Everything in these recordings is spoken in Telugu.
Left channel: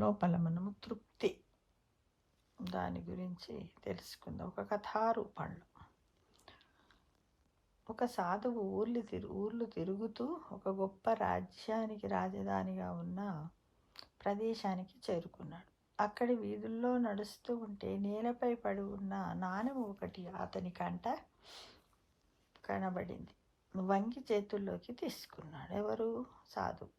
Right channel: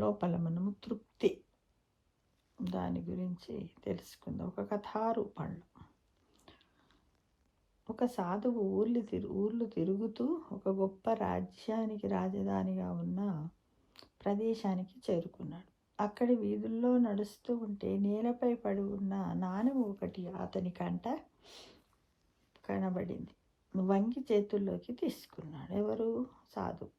లోపల మనము తృప్తి దాని గురించి తెలుసుకుందాం. ఒక కథారూపంలో ఒక సాధువు ఊర్లు తిరుగుతూ ఒక గొప్ప రాజ్యానికి రాజధానిగా ఉన్న ప్రదేశానికి చేరుకున్నాడు. అక్కడి వీధుల్లో నడుస్తూ ఉంటే నేలపై పడి ఉన్న నాణెం ఒకటి అతని కంట కనబడింది. వంగి చేతుల్లోకి తీసుకున్నాడు. ఎవరు? సాధువు.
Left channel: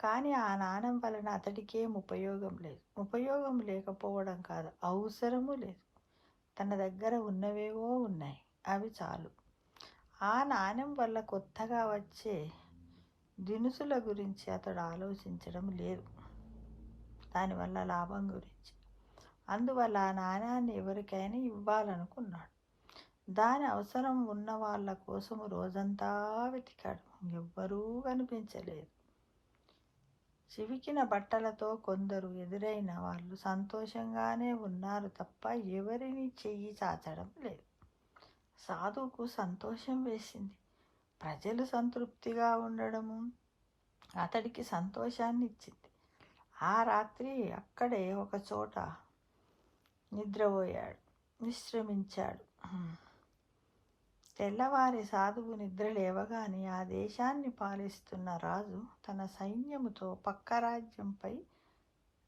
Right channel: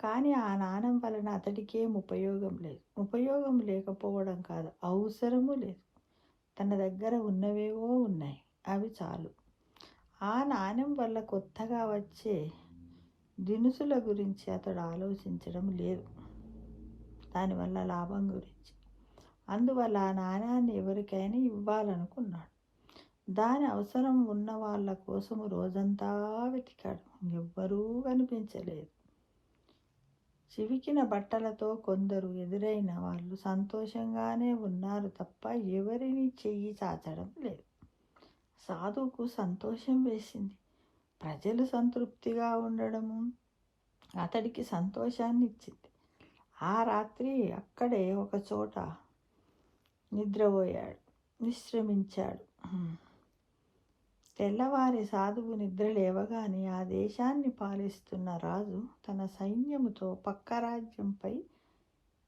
కానీ ఆ నాణెం వలన అతడికేం ఉపయోగం లేదు. ఉపయోగం లేకపోవడం కాదు, అవసరము లేదు. తన దగ్గర ఉన్నవేవో ఉన్నాయి, అవి చాలు. ఆ నాణెం వల్ల కొత్తగా వచ్చే దినుసుల గురించి అతడు ఆలోచించడం లేదు, దానివల్ల లాభం గురించి. అందువల్ల ఆ నాణ్యాన్ని ఎవరికైనా ఇవ్వాలనుకున్నాడు. దాని అవసరం ఉన్న వాళ్ళ కోసము రోజంతా వెతికాడు. ఎవ్వరూ కనిపించలేదు. చివికిన బట్టలతో కొందరు ఎదురైన వాళ్ళు సంతోషంగానే ఉన్నారు తప్ప ఎవరిని చెయ్యి చాచడం లేదు. సాధువుకు సంతోషం వేసింది. ప్రజలు సంతృప్తిగా ఉండడము అతడికి సంతోషాన్ని ఇచ్చింది. ఆ రాత్రి అక్కడే ఒక చోట విశ్రమించాడు. తెల్లవారి సాధువు నిద్ర లేవగానే ఆ దేశాన్ని పాలిస్తున్న రాజు తన సైన్యముతో పక్క రాజ్యంపై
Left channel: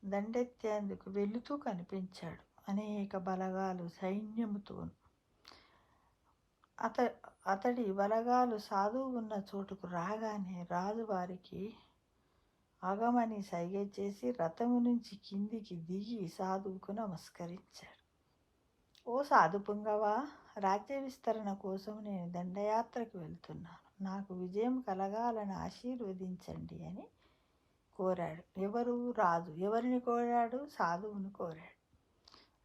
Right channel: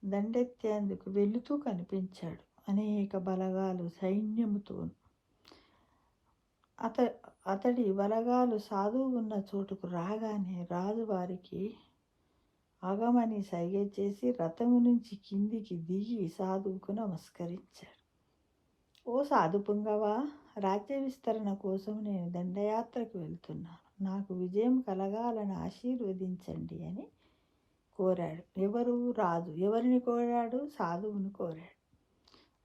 దండెత్తేందుకు వెళుతూ కనిపించాడు. అనేక బలగాలు సైన్యముతో. అతడి బలగాలు సాధువు ఉన్న చోటుకు రాగానే రాజు వారికి ఆగమని సైగ చేసి రథము నుంచి కిందికి దిగి సాధువుకు నమస్కరించాడు. ఓ సాధు పుంగవా, రాజ్య విస్తరణ కోసం నేను దండయాత్రకు వెళ్తున్నాను. నాకు విజయం కలగాలని ఆశీర్వదించండి అని కోరాడు. ఎవరు? రాజు. ఎవరిని కోరాడు? సాధువును కోరాడు.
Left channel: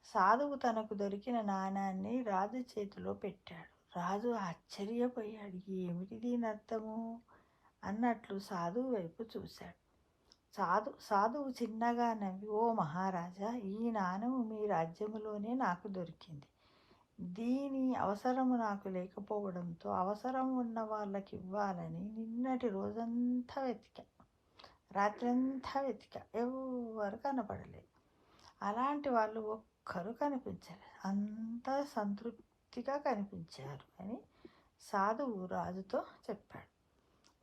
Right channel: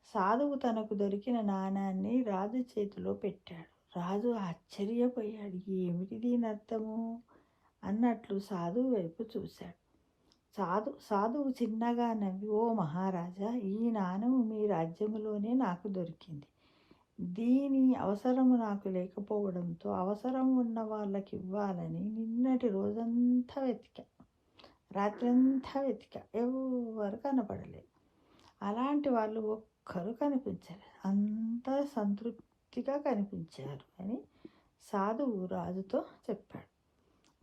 సాధువు తనకు దొరికిన నాణాన్ని రాజు చేతిలో పెట్టాడు. రాజు ఆశ్చర్యపోయాడు. ఏమిటి దీని అర్థము అన్నట్లు సాధువు వైపు చూశాడు. సాధువు చిన్నగా నవ్వి, ఓ మహారాజా, ఈ నాణెము మీ రాజ్యములోనే నాకు దొరికింది. దీని అవసరము నాకు లేకపోవడంతో అవసరం ఉన్న వాళ్ళకి ఇవ్వాలని నిన్నటి రోజంతా వెతికా, రాత్రంతా వెతికా, ఎవరు కనపడలేదు. అలాంటి వాళ్ళు ఒక్కరు కనిపించలేదు. అంతా సంతృప్తిగా కనిపించారు అని సాధువు రాజుతో చెప్పాడు.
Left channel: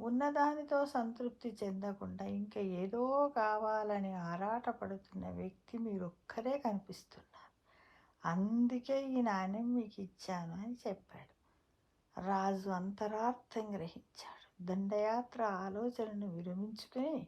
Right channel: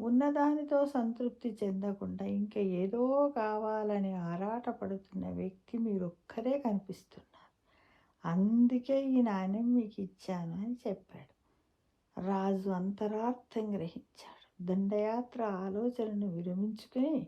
ఉన్నదానితో సంతృప్తి చెందకుండా ఇంకా ఏదో కావాలని ఆరాటపడుతున్న వ్యక్తి మీరొక్కరే కనిపిస్తున్నారు. అందుకే ఈ నాణ్యం మీకు ఇచ్చాను అని చెప్పాడు. రాజు అంతరార్థం గ్రహించాడు. దండయాత్ర ఆలోచనను విరమించుకుని